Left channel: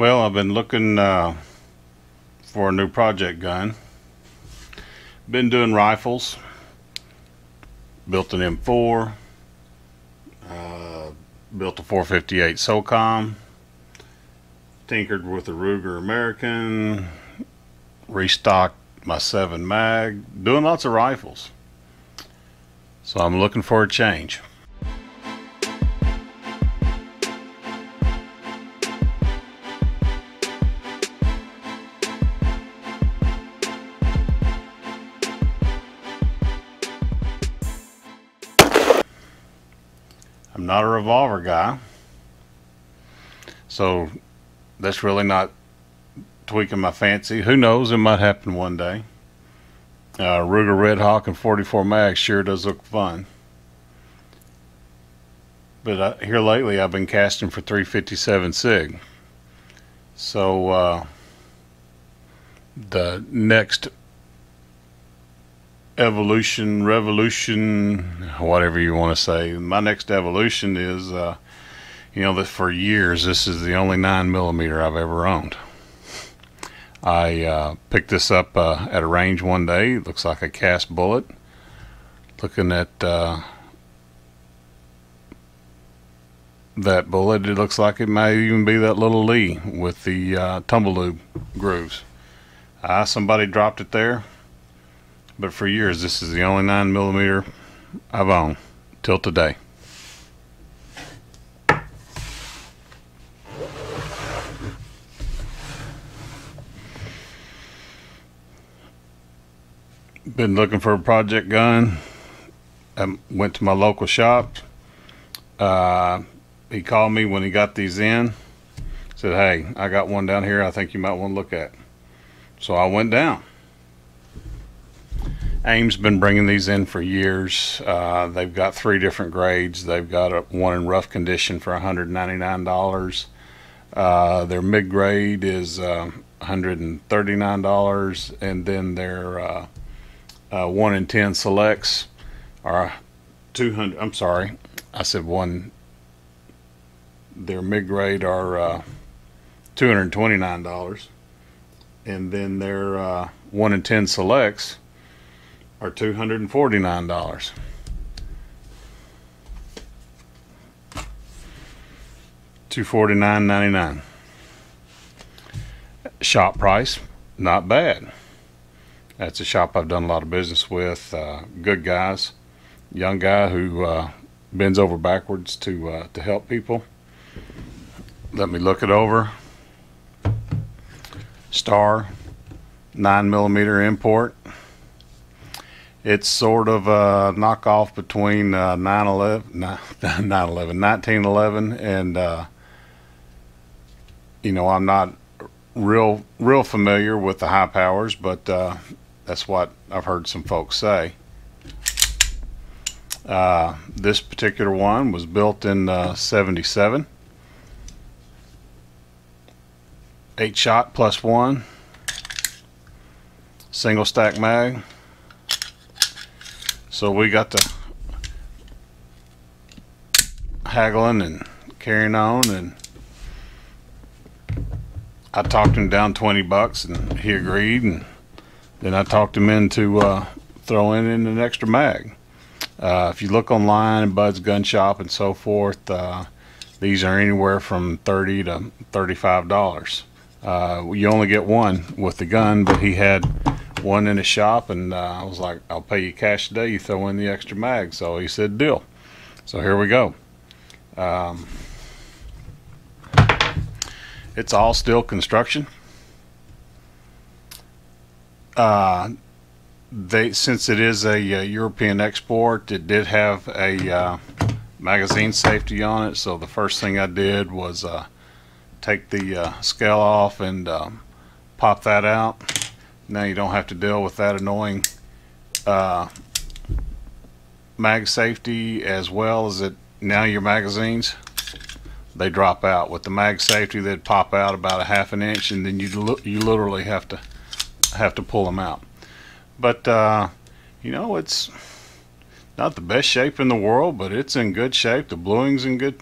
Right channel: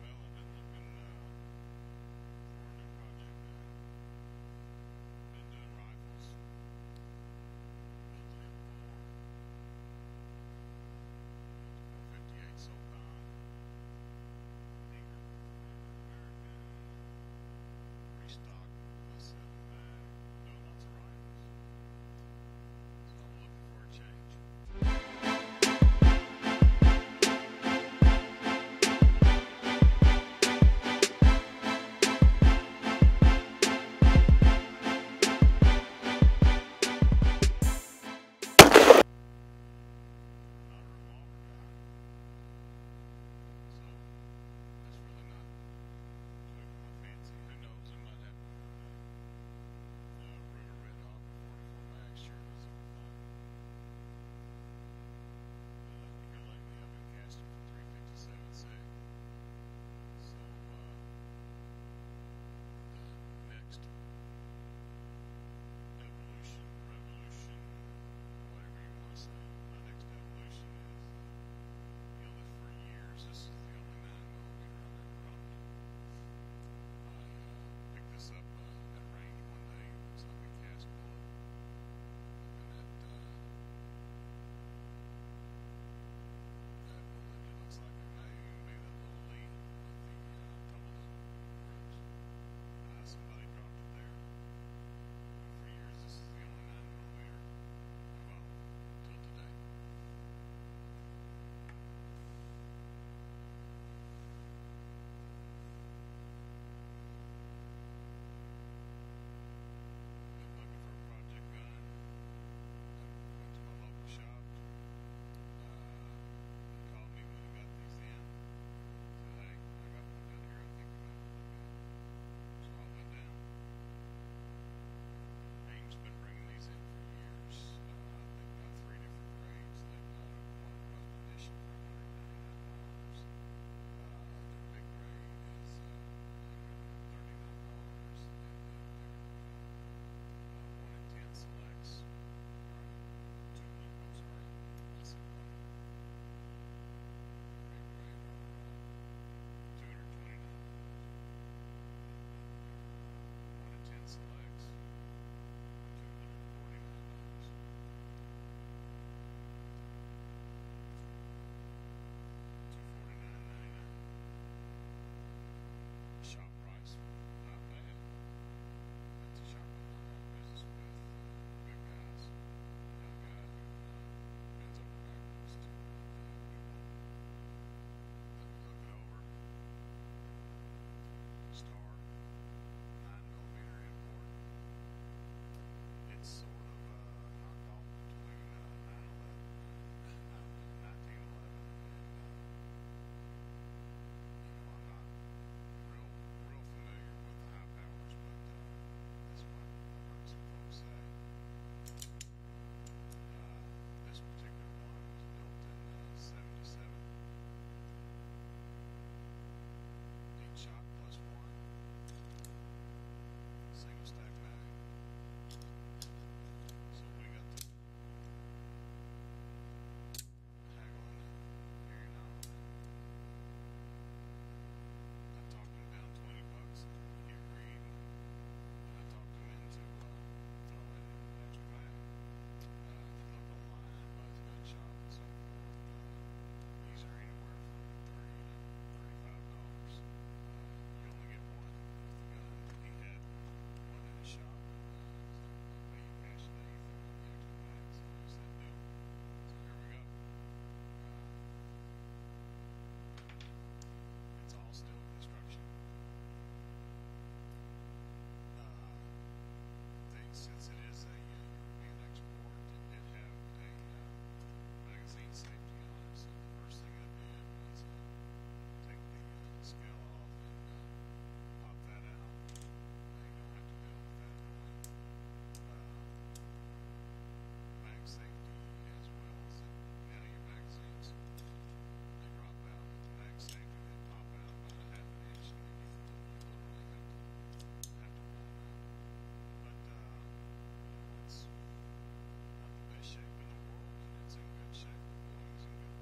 Well, I've been looking for a new project gun. Been doing rifles. Built an M4. Built a 458 SOCOM. Tinkered with a Ruger American. Restocked my 7 mag. Doing lots of rifles. So I'm looking for a change. I'm not a revolver guy, so that's really not tweaking my fancy. Who knows, it might happen one day. Ruger Red Hawk and 44 mag sure does look fun. But here lately I've been casting for 357 SIG. So the next revolution, whatever you want to say, my next evolution is that for years this is the only 9mm I've ever owned. I picked this up at a range one day. It looks like a cast bullet. Looking at that bullet, it looks like it might even be that little Lee with the tumble lube grooves. Somebody dropped it there. But for years, this is the only 9mm I've owned till today. Been looking for a project gun. I went to my local shop. He called me when he got these in. Said, "Hey, I got one down here I think you might want to look at." So I went down. AIM's been bringing these in for years. They've got 3 different grades. They've got one in rough condition for $199. Their mid-grade is $139, and then their 1 in 10 selects are 200. I'm sorry, I said one. Their mid-grade are $229, and then their 1 in 10 selects are $249. $249.99. Shop price, not bad. That's a shop I've done a lot of business with. Good guys, young guy who bends over backwards to help people. Let me look it over. Star, 9mm import. It's sort of a knockoff between 1911 and I'm not real familiar with the high powers, but that's what I've heard some folks say. This particular one was built in 77. 8-shot plus 1, single stack mag. So we got to haggling and carrying on, and I talked him down $20 and he agreed, and then I talked him into throwing in an extra mag. If you look online, Bud's Gun Shop and so forth, these are anywhere from $30 to $35. You only get one with the gun, but he had one in his shop, and I was like, "I'll pay you cash today, you throw in the extra mag." So he said, "Deal." So here we go. It's all steel construction. Since it is a European export, it did have a magazine safety on it. So the first thing I did was take the scale off and pop that out. Now you don't have to deal with that annoying mag safety, as well as now your magazines, they drop out. With the mag safety, they'd pop out about a ½ an inch, and then you literally have to pull them out. But it's not the best shape in the world, but it's in good shape. The bluing's in good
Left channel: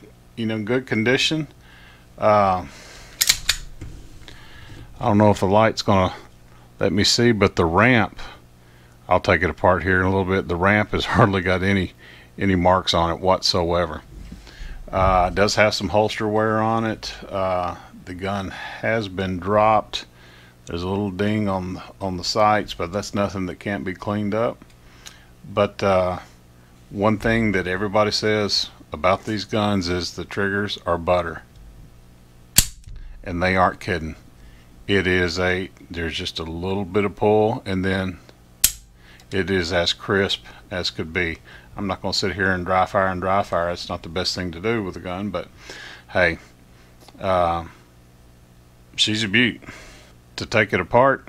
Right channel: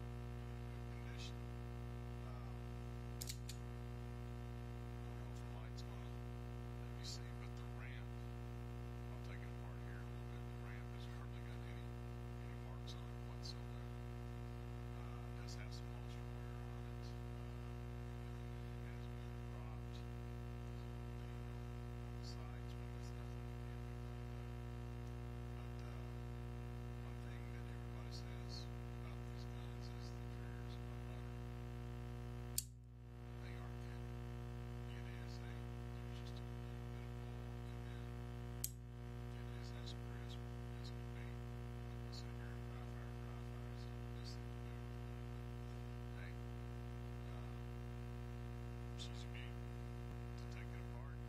condition. I don't know if the light's gonna let me see, but the ramp, I'll take it apart here in a little bit. The ramp has hardly got any marks on it whatsoever. It does have some holster wear on it. The gun has been dropped. There's a little ding on the sights, but that's nothing that can't be cleaned up. But one thing that everybody says about these guns is the triggers are butter, and they aren't kidding. There's just a little bit of pull, and then it is as crisp as could be. I'm not going to sit here and dry fire. It's not the best thing to do with a gun, but hey, she's a beaut. To take it apart,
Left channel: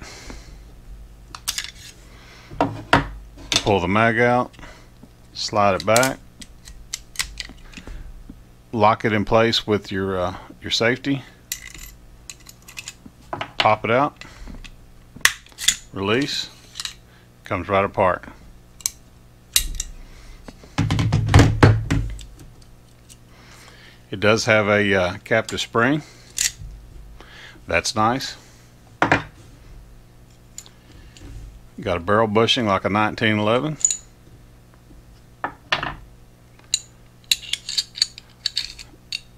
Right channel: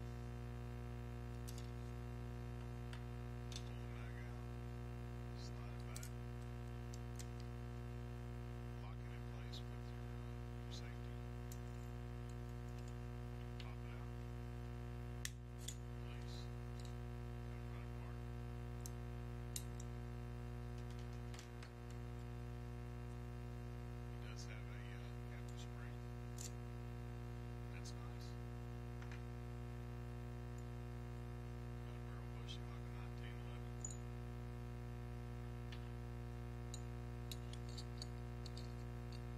pull the mag out, slide it back, lock it in place with your safety, pop it out, release, comes right apart. It does have a captive spring. That's nice. Got a barrel bushing like a 1911.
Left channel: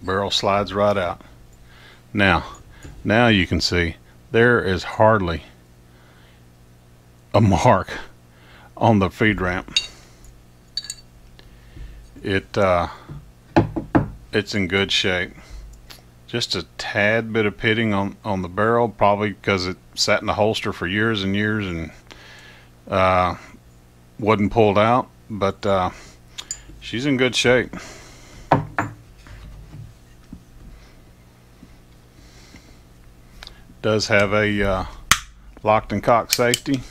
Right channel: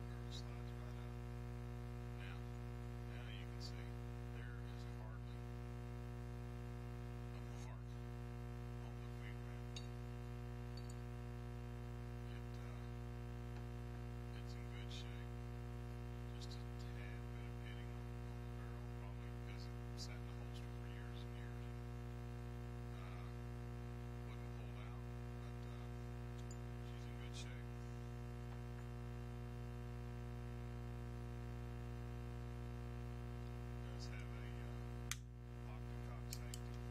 Barrel slides right out. Now you can see there is hardly a mark on the feed ramp. It's in good shape. Just a tad bit of pitting on the barrel, probably because it sat in the holster for years and years and wasn't pulled out, but she's in good shape. Does have a locked and cocked safety.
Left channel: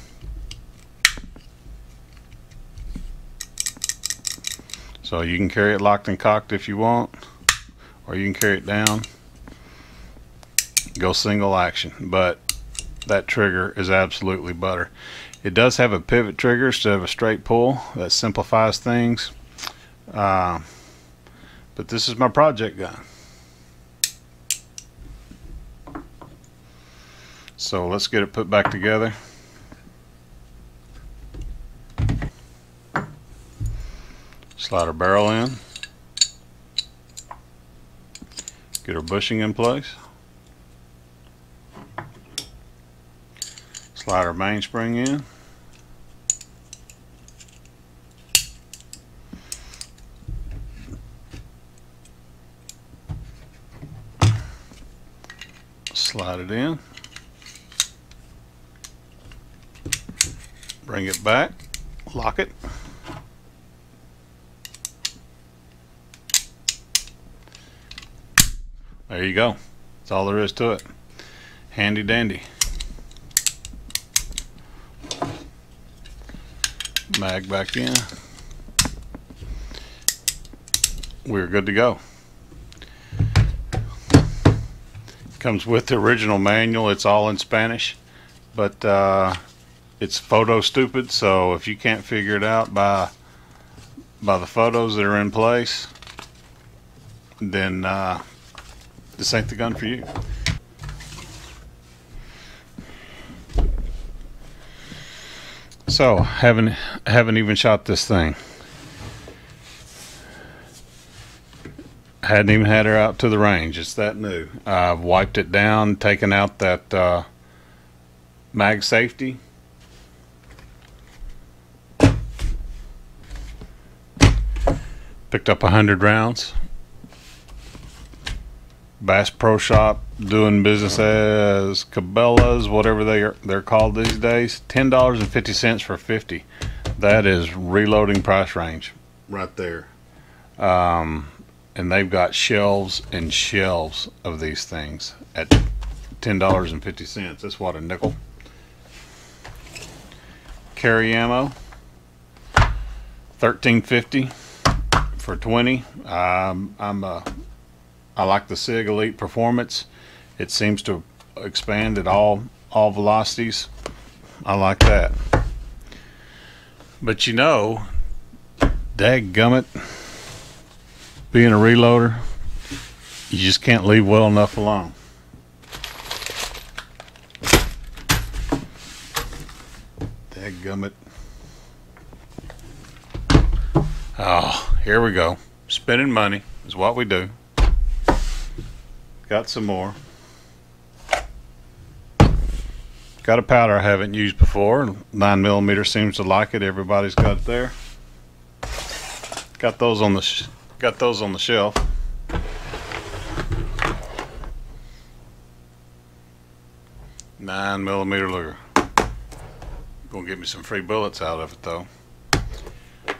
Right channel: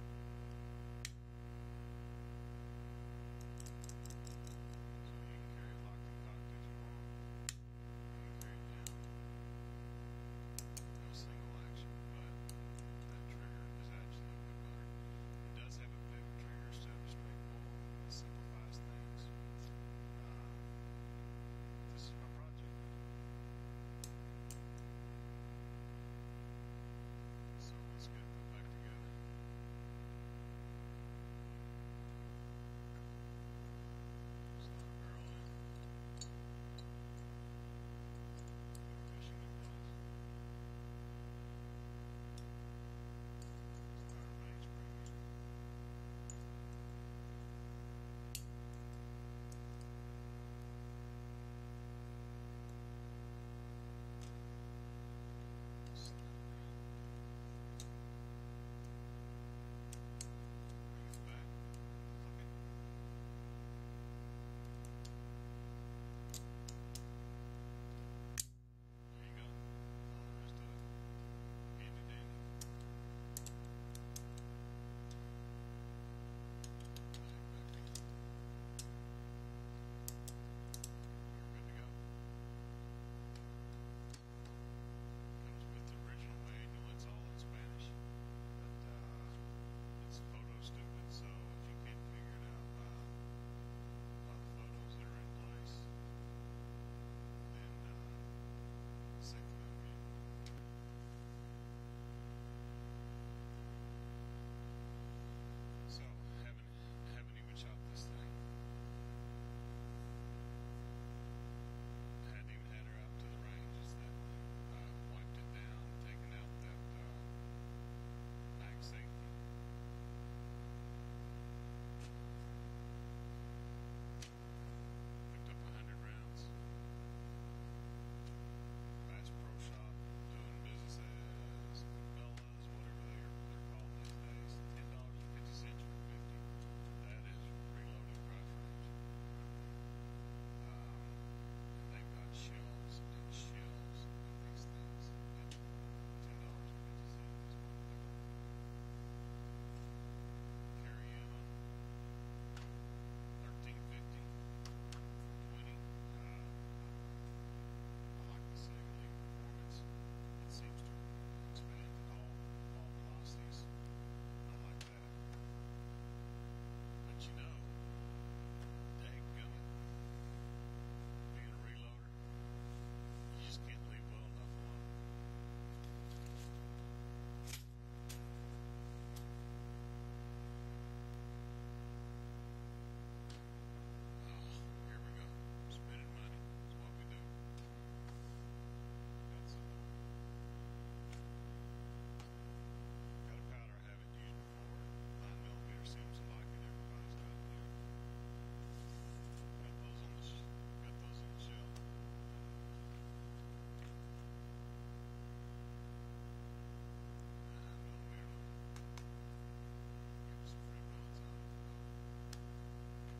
So you can carry it locked and cocked if you want, or you can carry it down, go single action. But that trigger is absolutely butter. It does have a pivot trigger instead of a straight pull. That simplifies things. But this is my project gun. So let's get it put back together. Slide our barrel in. Get our bushing in place. Slide our mainspring in. Slide it in. Bring it back. Lock it. There you go. That's all there is to it. Handy dandy. Mag back in. We're good to go. Comes with the original manual. It's all in Spanish, but it's photo stupid, so if you can't figure it out by the photos that are in place, then this ain't the gun for you. So haven't even shot this thing. Hadn't even had her out to the range. It's that new. I've wiped it down, taken out that mag safety. Picked up 100 rounds. Bass Pro Shop, doing business as Cabela's, whatever they're called these days. $10.50 for 50. That is reloading price range right there. And they've got shelves and shelves of these things at $10.50. That's what, a nickel. Carry ammo, $13.50 for 20. I like the SIG Elite Performance. It seems to expand at all velocities. I like that. But you know, dadgummit, being a reloader, you just can't leave well enough alone. Dadgummit. Oh, here we go. Spending money is what we do. Got some more. Got a powder I haven't used before. 9mm seems to like it. Everybody's got it there. Got those on the shelf. $9mm Luger. Gonna get me some free bullets out of it though.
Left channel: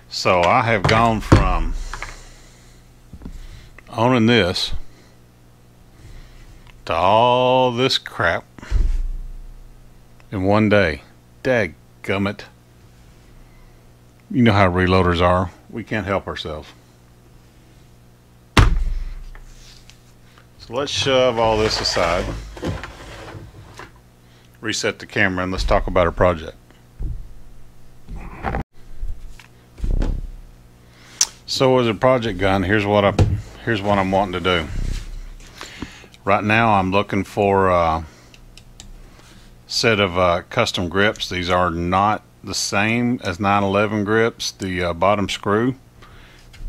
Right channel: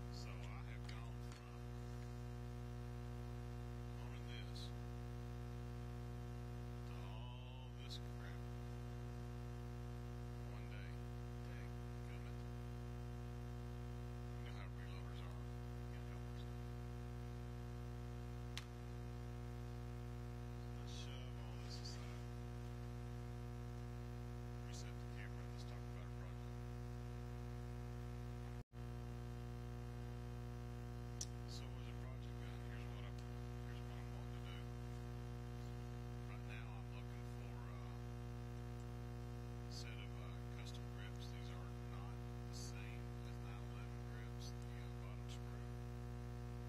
So I have gone from owning this to all this crap in one day. Dadgummit. You know how reloaders are. We can't help ourselves. So let's shove all this aside. Reset the camera and let's talk about our project. So as a project gun, here's what I'm wanting to do. Right now I'm looking for a set of custom grips. These are not the same as 911 grips. The bottom screw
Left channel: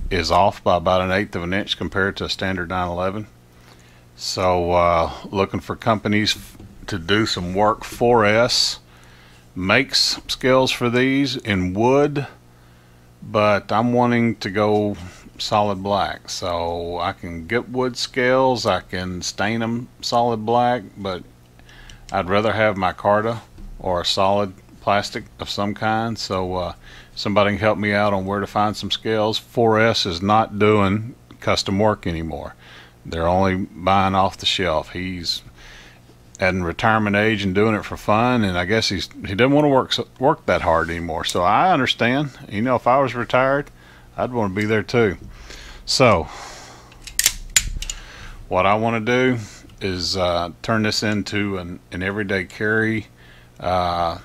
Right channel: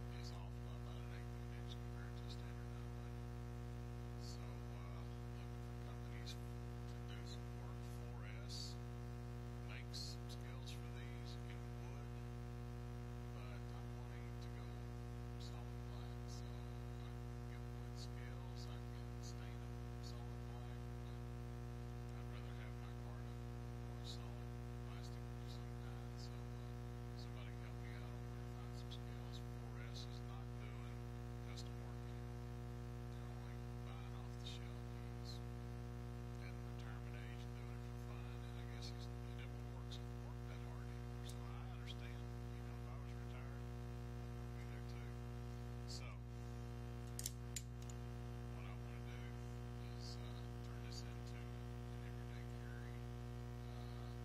is off by about 1/8 of an inch compared to a standard 911. So looking for companies to do some work for us. Makes scales for these in wood, but I'm wanting to go solid black, so I can get wood scales, I can stain them solid black, but I'd rather have micarta or a solid plastic of some kind. So somebody can help me out on where to find some scales. 4S is not doing custom work anymore. They're only buying off the shelf. He's at retirement age and doing it for fun, and I guess he doesn't want to work that hard anymore. So I understand. You know, if I was retired, I'd want to be there too. So what I want to do is turn this into an everyday carry. I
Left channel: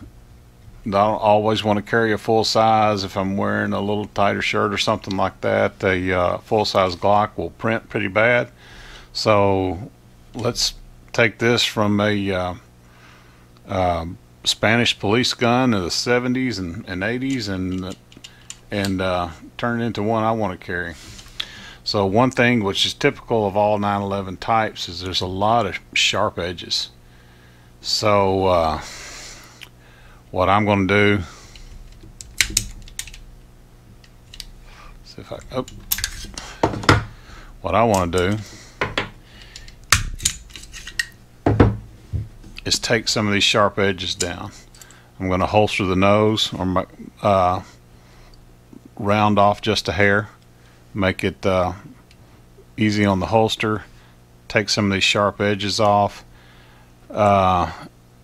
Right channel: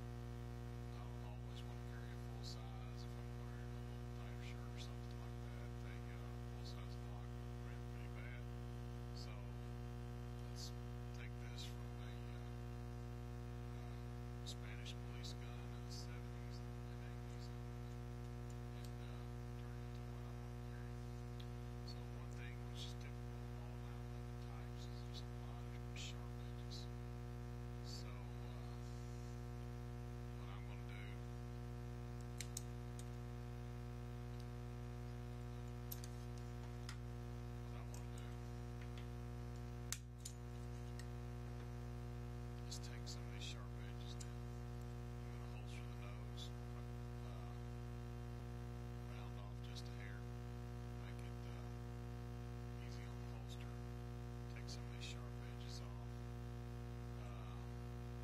don't always want to carry a full size. If I'm wearing a little tighter shirt or something like that, a full size Glock will print pretty bad. So let's take this from a Spanish police gun of the 70s and 80s and turn it into one I want to carry. So one thing which is typical of all 911 types is there's a lot of sharp edges. So what I'm going to do, see if what I want to do is take some of these sharp edges down. I'm going to holster the nose or round off just a hair, make it easy on the holster, take some of these sharp edges off. As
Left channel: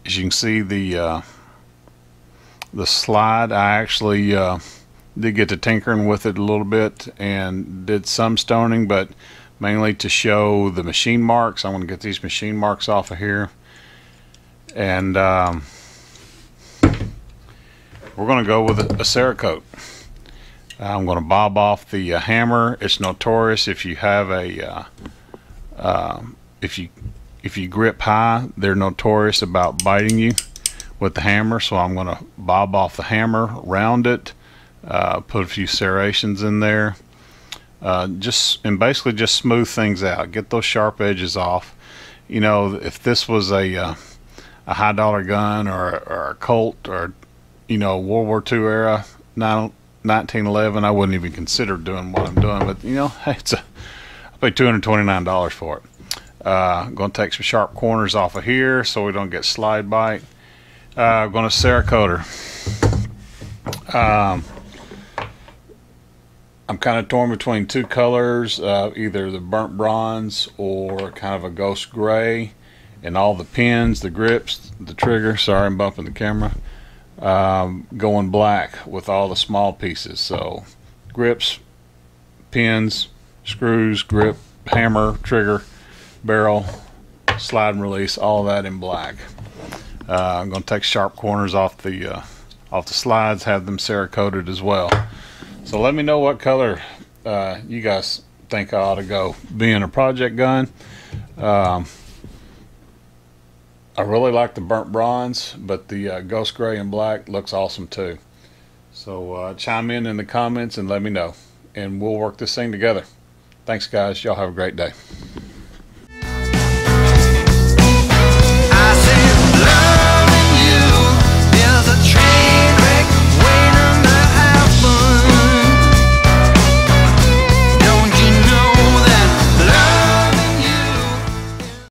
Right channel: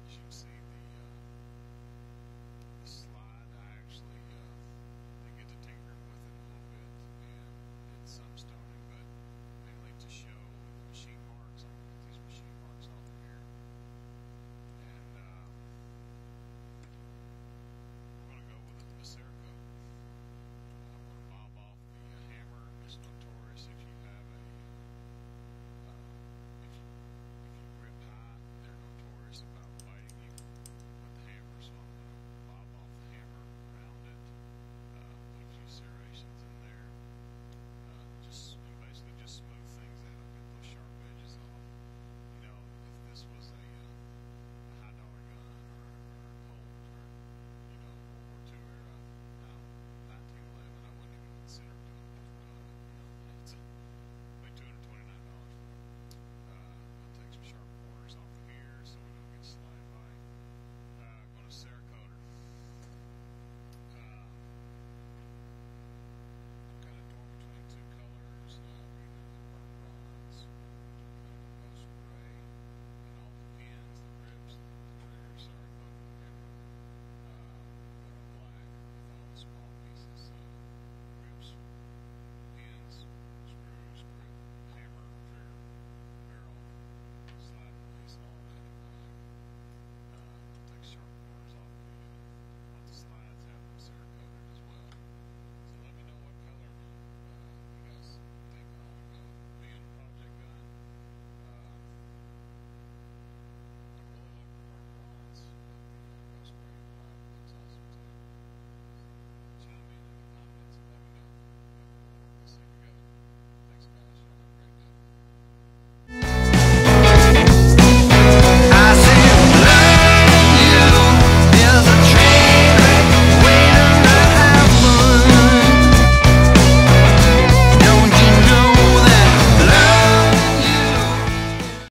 you can see, the slide, I actually did get to tinkering with it a little bit and did some stoning, but mainly to show the machine marks. I want to get these machine marks off of here. And we're going to go with a Cerakote. I'm going to bob off the hammer. It's notorious if you have a if you grip high, they're notorious about biting you with the hammer. So I'm going to bob off the hammer, round it, put a few serrations in there, and basically just smooth things out, get those sharp edges off. You know, if this was a high dollar gun or a Colt or, you know, World War II era 1911, I wouldn't even consider doing what I'm doing. But you know, hey, I paid $229 for it. I'm going to take some sharp corners off of here so we don't get slide bite. I'm going to Cerakote. I'm kind of torn between two colors, either the burnt bronze or kind of a ghost gray. And all the pins, the grips, the trigger, sorry I'm bumping the camera, going black with all the small pieces. So grips, pins, screws, grip, hammer, trigger, barrel, slide and release, all that in black. I'm going to take sharp corners off the slides, have them Cerakoted as well. So let me know what color you guys think I ought to go. Being a project gun, I really like the burnt bronze, but the ghost gray and black looks awesome too. So chime in the comments and let me know, and we'll work this thing together. Thanks, guys. Y'all have a great day.